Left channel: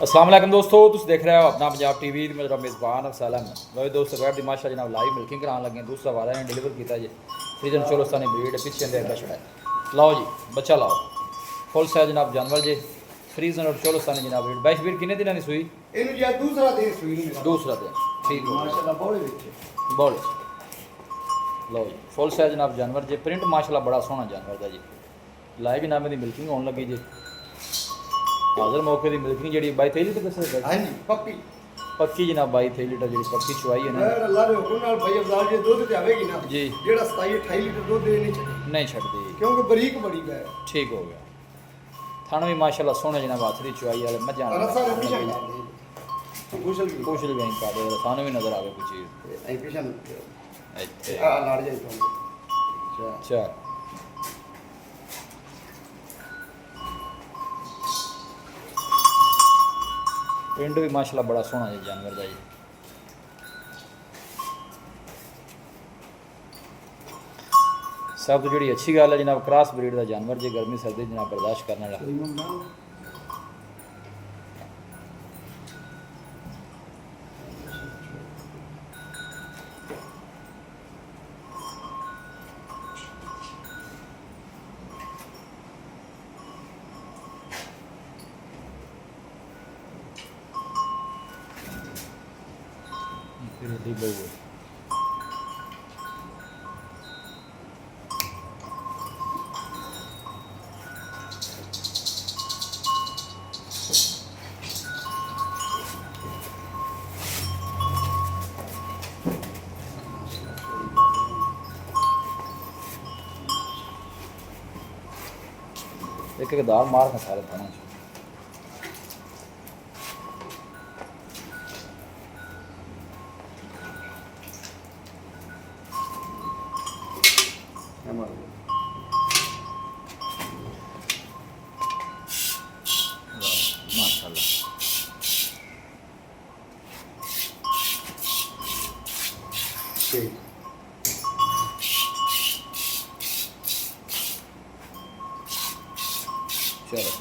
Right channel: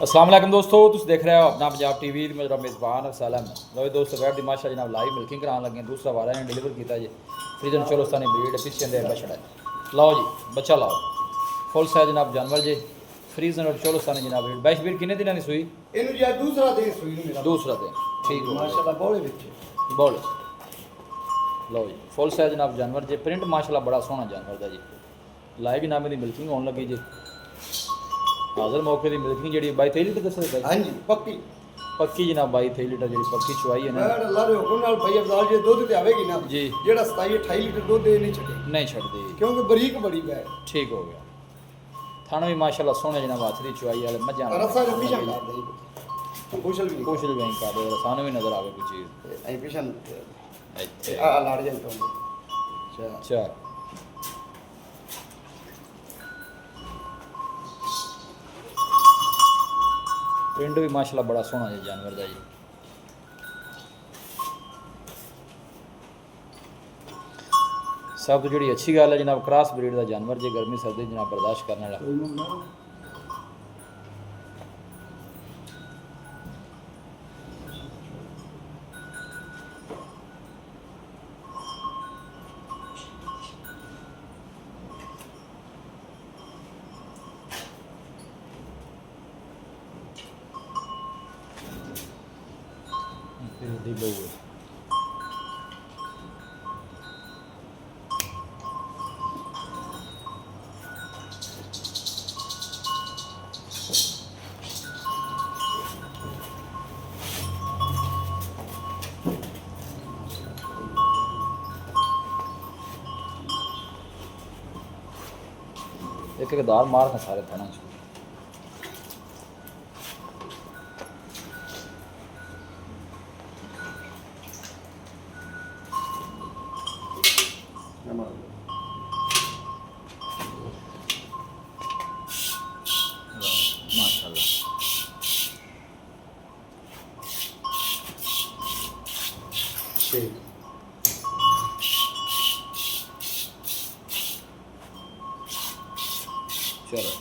अस्सलाम वालेकुम दोस्तों, तुम देख रहे हो अपना पंजाब टीवी। मेरा मेज़बान अफसल है। लो जी दोस्तों, बैठ दी माशा जनाब लाइव मिल्किंग कराने लगे। दूसरा वाला ने डिलीवर किया जी फ्रीजन चौलस्तानी ब्रीड पिछले अंदर बछड़ा है। लाओ जी बच्चा लाओ, फुल साइज जनाब जानवर जी फ्रीजन और चौलस्तानी जनाब ब्रीड। बैश ब्रीड कितने दिनों की सूई? दूसरा दिन ठीक हो माशाल्लाह बोल। लो जी फुल साइज जनाब जानवर जी, प्रिंट माशाल्लाह बड़ा सोहना जानवर का जी। लाइव जनाब की मिल्किंग होने लगी जी। हाजिर मौके की मिल्किंग जी 22-23 लीटर दस हाँ जी पक्की पक्की जनाब 22-23 लीटर जी पक्की चुवाई है ना अल्लाह दे हुक्म नाल भाई अफजाल जी दुध ते आवेगी ना जी, जेड़ा 27-28 लीटर दुध दे नहीं छड्डी क्योंकि बरीक बड़ी गाय ठीक हो गया। थाना भी माशाल्लाह सोहने जनाब हाथ दी चुवाई वाले मझां रसा हमेशा कुशल भी कुछ भी कर दे सानू भी नजर आवे कोई चीज आई पिछन ਇੱਥੇ आ लड़ जाई तो चल प्रिंट भी माशाल्लाह बड़ा सोहना जी जानवर का जी। सब तो जी अच्छी गल है जनाब क्रॉस ब्रीड का जानवर जी, गर्मी सर्दी जनाब बर्दाश्त करने वाला। फिर बहु है एक दार मार खा सारे थाना माशाल्लाह। ठीक चलो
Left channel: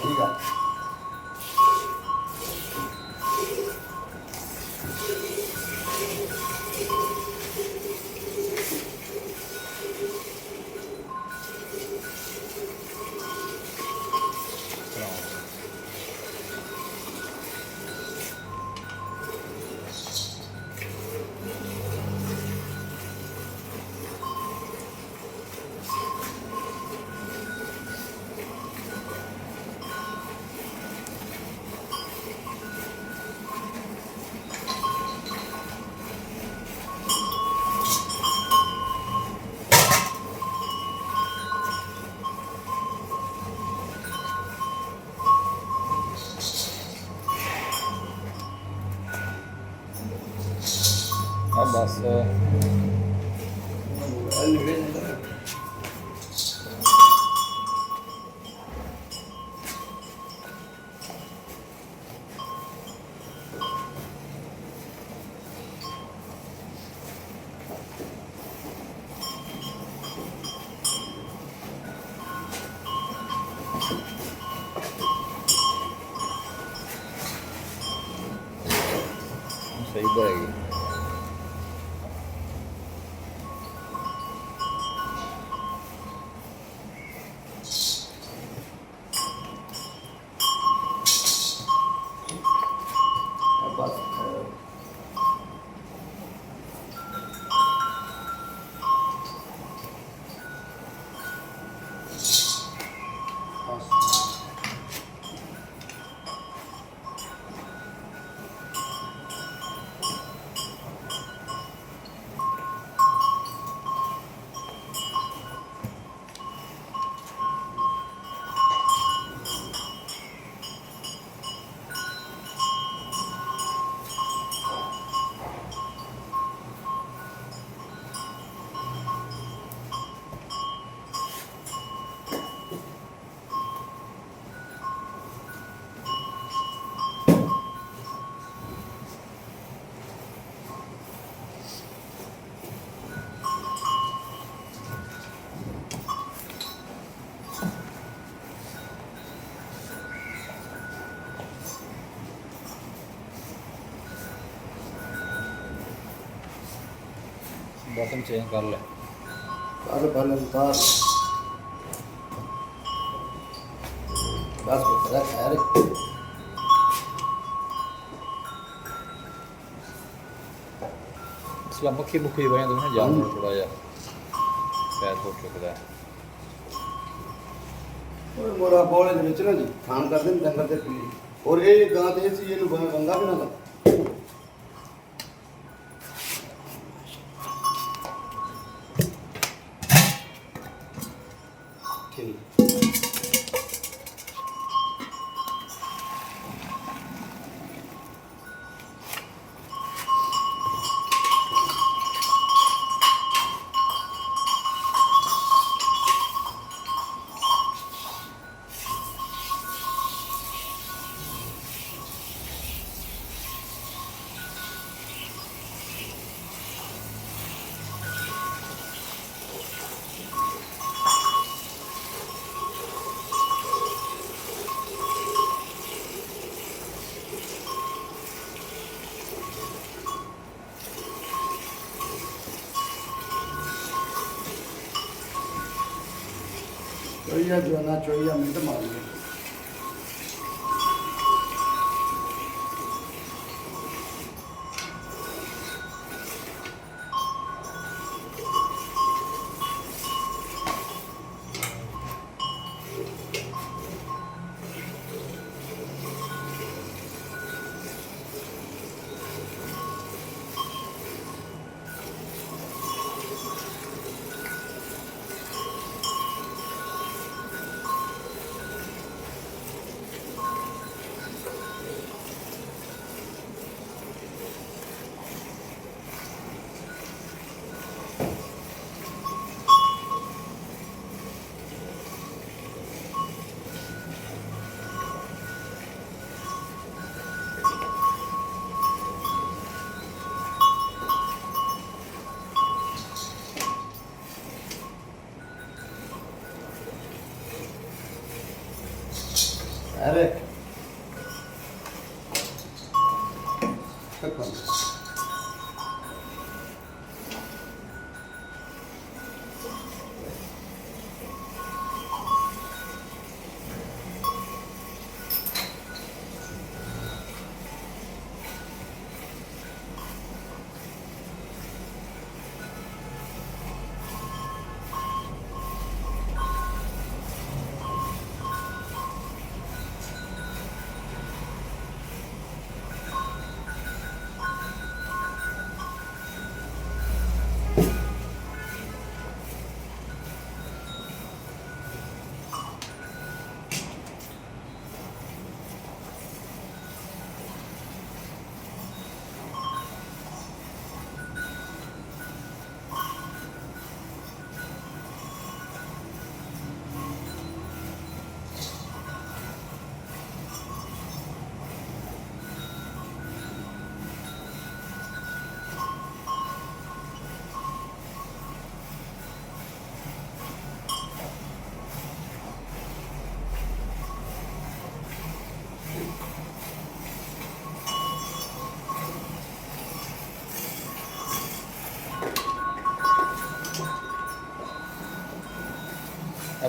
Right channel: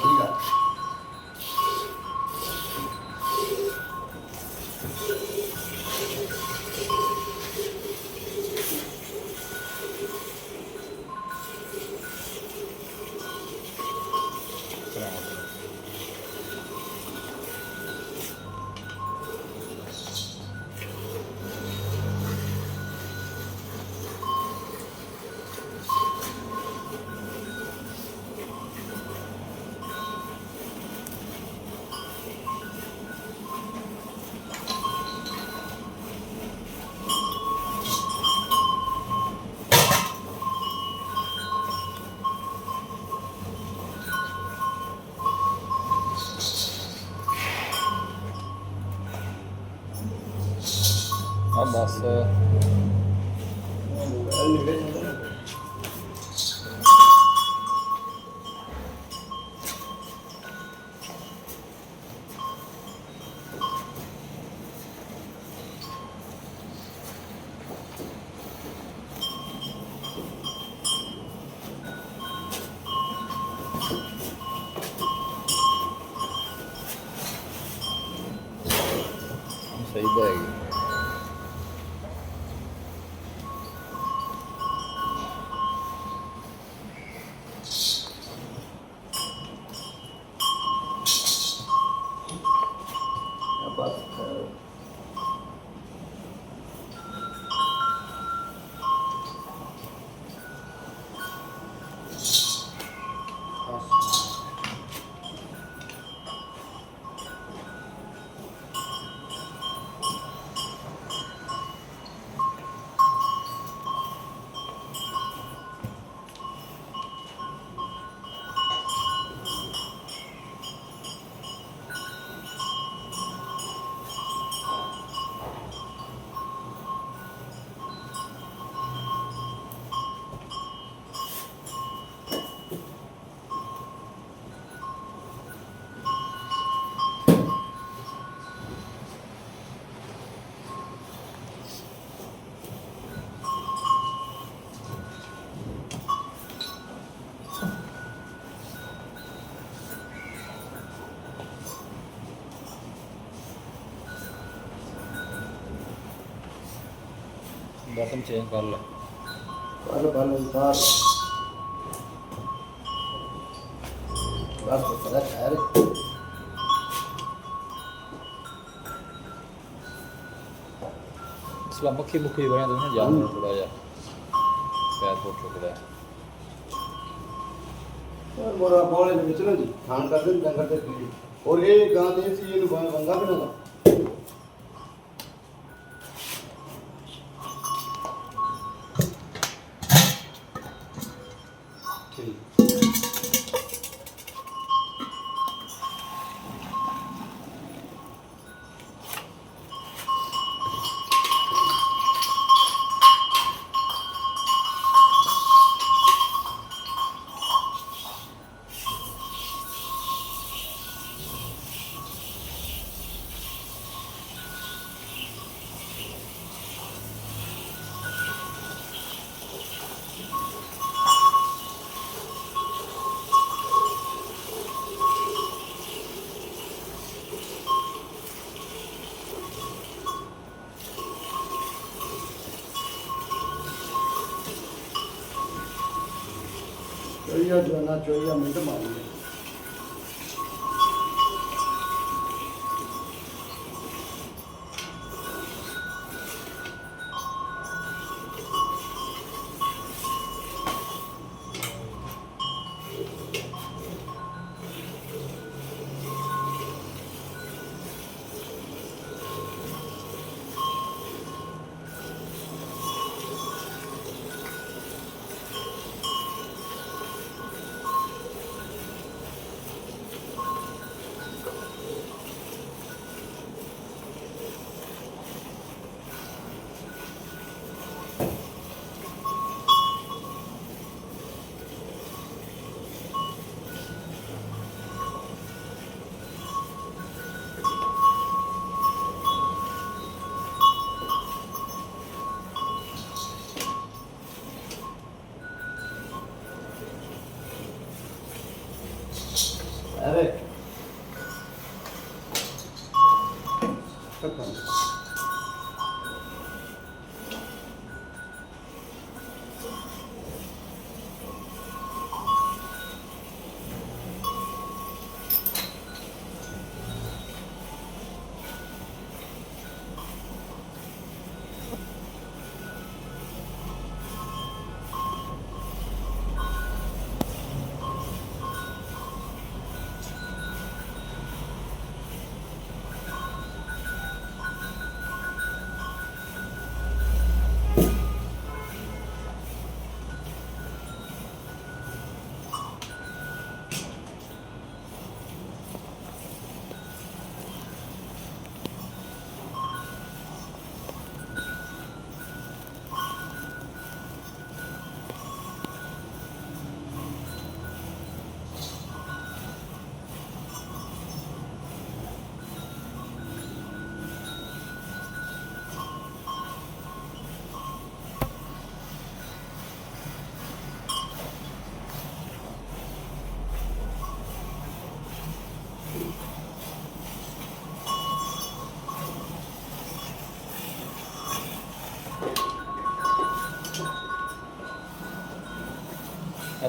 ठीक है अब बस सही रहेगी। बर्तन चेंज कर ले अरे पहले उतार बस पता खैर इसला मक्खी मुक्खी बने तो ना जानवर थोड़ा जा पैर फुट चुकता है मोरा बोले ਵਿੱਚ ਨਾ ਜੀ ਖਾਣ ਕਰਦੇ ਨੇ ਜੰਗਲ ਤੇ ਪੀਲੀ ਔਰ ਇਹ ਗਾਂ ਤੇ ਸੀ ਇਹਨੂੰ ਬੰਗਾ ਬਣਾਦਾ ਠੀਕ चोइया जाना चोइया मिनट मारी अरे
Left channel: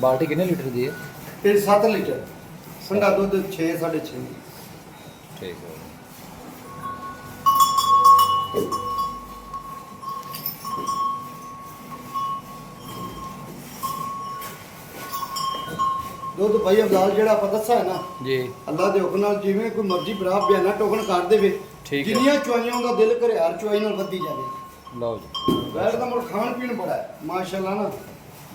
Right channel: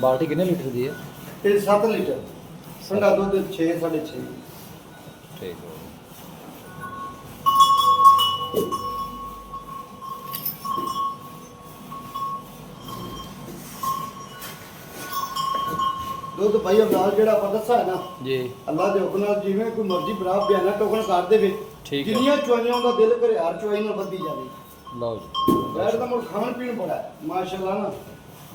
बाल्टी कितने लीटर दी है? ये 7 लीटर ठंडा दूध 6 6.5 ठीक है दूध भाई अवलाल जेड़ा आप दसा है ना जी अल्लाह दे हुक्म नाल जिवें कोई मर्जी बराबर बयाना टोकन कर देवे ठीक है जिन्नियां चुआइयां दा दिल करे हर चुआई नाल वधी जावे लो जी बैठ तो मोर खान पीन बड़ा है माशाल्लाह ना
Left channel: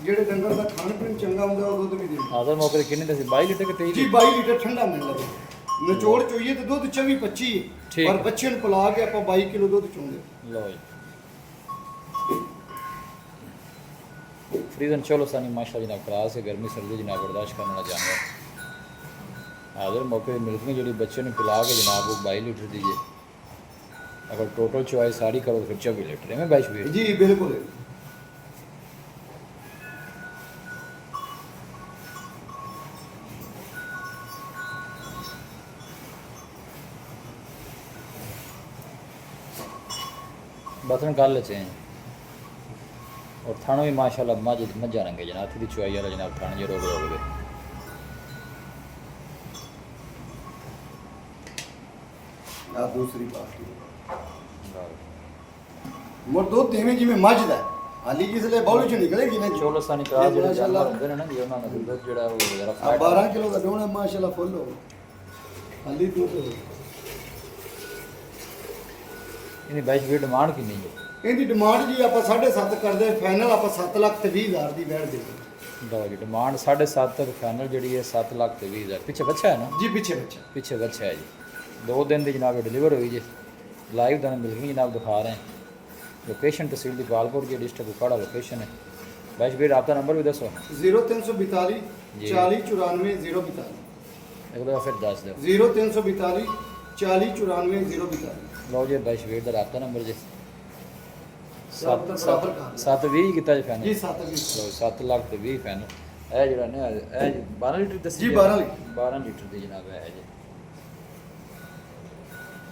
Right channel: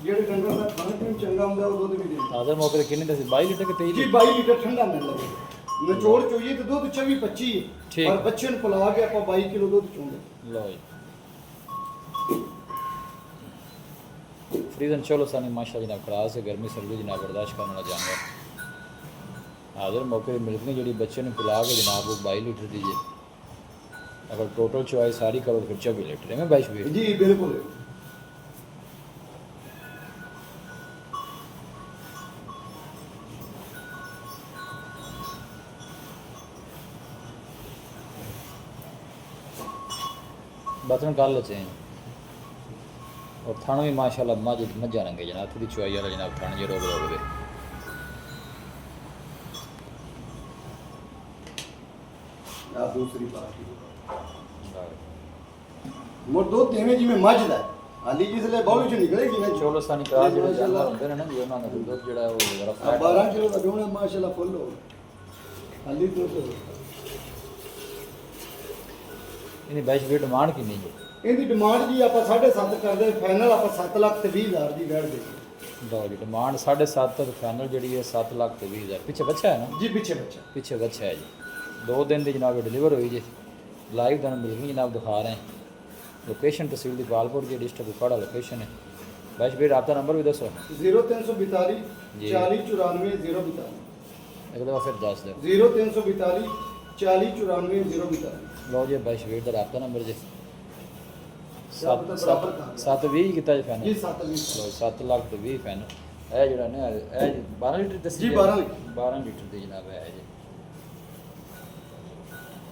जेड़े डंगर दा खान पीन चंगा हुंदा वो दूध भी दे आदर मौके कितने दस 22 लीटर के 23 जी 22 लीटर ठंडा मिल लगे निचोड़ चोइए तो दूध 24 25 ठीक और बच्चे ਨੂੰ ਪਿਲਾ ਕੇ ਆਪਾਂ 22 ਕਿਲੋ ਦੁੱਧ ਚੋਂਦੇ लो जी फ्रीजन चौलस्तानी माशा जनाब खरास है गर्मी सर्दी जनाब बर्दाश्त करने वाला जानवर हाजिर मौके पर मिल्क में जी बच्चे ने पिला के जनाब वो 22 लीटर दीजिए अगर टोटल चॉइस सारी करो तो फिर 24 लीटर है मैं 22 जी बिल्कुल बर्तन कर लेते हैं और थानों भी माशाल्लाह मज्जा रंगे जनाब थी चुआई वाला जनाब थान जो रोक रोक दे दूसरी पार्टी मोर दो तेवें जिवें मझ दा हाली जिसले बॉल चो निकलेगी ना चोलस्तानी क्रास जेडे जानवर होंदे ने ना जी उन्हां दा दुੱਧ ਜਿਹੜਾ ਉਹ ਜ਼ਰਾ ਫੈਟ 12 किलो ਦਾ ਡੋਣਾ ਮਾਸ਼ਾਅੱਲਾ ਫੁੱਲ ਹੋ ਹਾਲੀ ਦੁੱਧ ਇਹਦੀ ਬੈਸ਼ ਵੀ ਡਿਮਾਂਡ ਕਿੰਨੀ ਹੈ ਇਹਦੀ ਡਿਮਾਂਡ ਜੀ ਆਪਾਂ 7.5 ਕਰਦੇ ਫਾਈਨਲ ਆਪਾਂ 7,20,000 ਦੀ ਬੈਠ ਦੇ ਲਓ ਜੀ ਡਿਮਾਂਡ 7.5 ਤੱਕ ਫਾਈਨਲ ਜਿਹੜੀ ਹੈ 7,20,000 ਪਿੱਛੇ ਬੱਚਾ ਹੈ ਨਾ ਜੀ ਪਿੱਛੇ ਬੱਚਾ ਹੈ ਜੀ 2 ਦਿਨ ਦੀ ਜਨਾਬ ਡਿਲੀਵਰ ਹੋਈ ਜੀ ਲਾਈਵ ਦਾ ਮਿਲ ਗਈ ਜਨਾਬ ਦਿਖਾ ਰਹੇ हैं लोकेशन तहसील दीपालपुर की डिस्ट्रिक्ट कुपवाड़ा लोकेशन है बैश भाई रब्ता नंबर भी दसो 0342 40 94 042 एक दफ़ा फिर दस दो 0342 40 94 042 लो जी बैश भाई का रब्ता नंबर जी 720 किता जी फैन जी 720 7,20,000 फैन है जरा ने 12 लीटर दस जी 12 लीटर दी जनाब है जी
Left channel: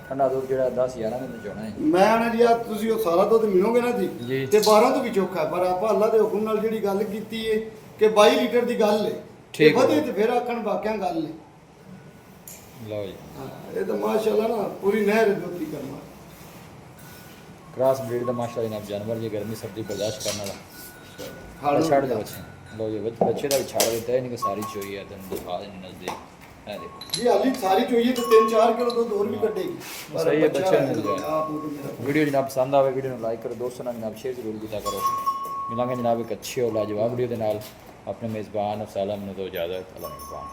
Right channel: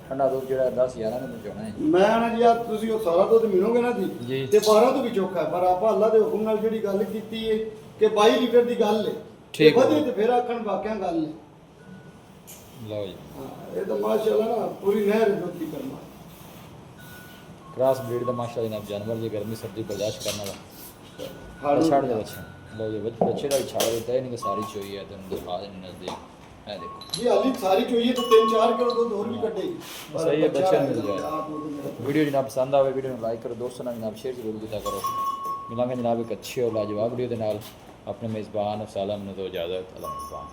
ਠੰਡਾ ਦੁੱਧ ਜਿਹੜਾ 10-11 ਦਿਨ ਚੋਣਾ ਹੈ ਮੈਂ ਨਾ ਜੀ ਆ ਤੁਸੀਂ ਉਹ ਸਾਰਾ ਦੁੱਧ ਮਿਲੋਗੇ ਨਾ ਜੀ ਤੇ 12 ਤੋਂ ਵੀ ਚੋਖਾ ਪਰ ਆਪਾਂ ਅੱਲਾ ਦੇ ਹੁਕਮ ਨਾਲ ਜਿਹੜੀ ਗੱਲ ਕੀਤੀ ਏ ਕਿ 22 ਲੀਟਰ ਦੀ ਗੱਲ ਏ ਠੀਕ ਵਧੀਆ ਤੇ ਫਿਰ ਆਖਣ ਵਾਕਿਆ ਗੱਲ ਏ ਲਓ ਜੀ ਇਹ ਤਾਂ ਮਾਸ਼ਾਅੱਲਾ ਨਾ ਪੂਰੀ ਨਹਿਰ ਦੁੱਧ ਦੀ ਕਰਨਾ ਕ੍ਰਾਸ ਬਰੀਡ ਦਾ ਮਾਸ਼ਾਅੱਲਾ ਜਨਾਬ ਜਾਨਵਰ ਜੀ ਗਰਮੀ ਸਰਦੀ ਬਰਦਾਸ਼ਤ ਕਰਨ ਵਾਲਾ ਛੱਡ ਦੇ ਬੱਚੇ ਲਓ ਜੀ ਬੱਚੇ ਦਾ ਵੀ ਛੱਡ ਦਿੱਤਾ ਇਹ ਨਹੀਂ ਕਿ ਸਾਰੀ ਚੋਈ ਹੈ ਤੈਨੂੰ ਦਿਖਾ ਦੇਣੀ ਨਜ਼ਦੀਕ है देखो जी हाली सारी चाहिए तो 3-4 किलो दूध और भी कटेगी सही है बच्चा मिल जाए वीडियो जनाब पसंद आवे वीडियो को लाइक करो दोस्तों नाल जनाब शेयर जरूर किया करो मिलांगे जनाब एक अच्छी और लाजवाब वीडियो के नाल अपने मेज़बान सालम ने दो इजाज़त अल्लाह मेज़बान।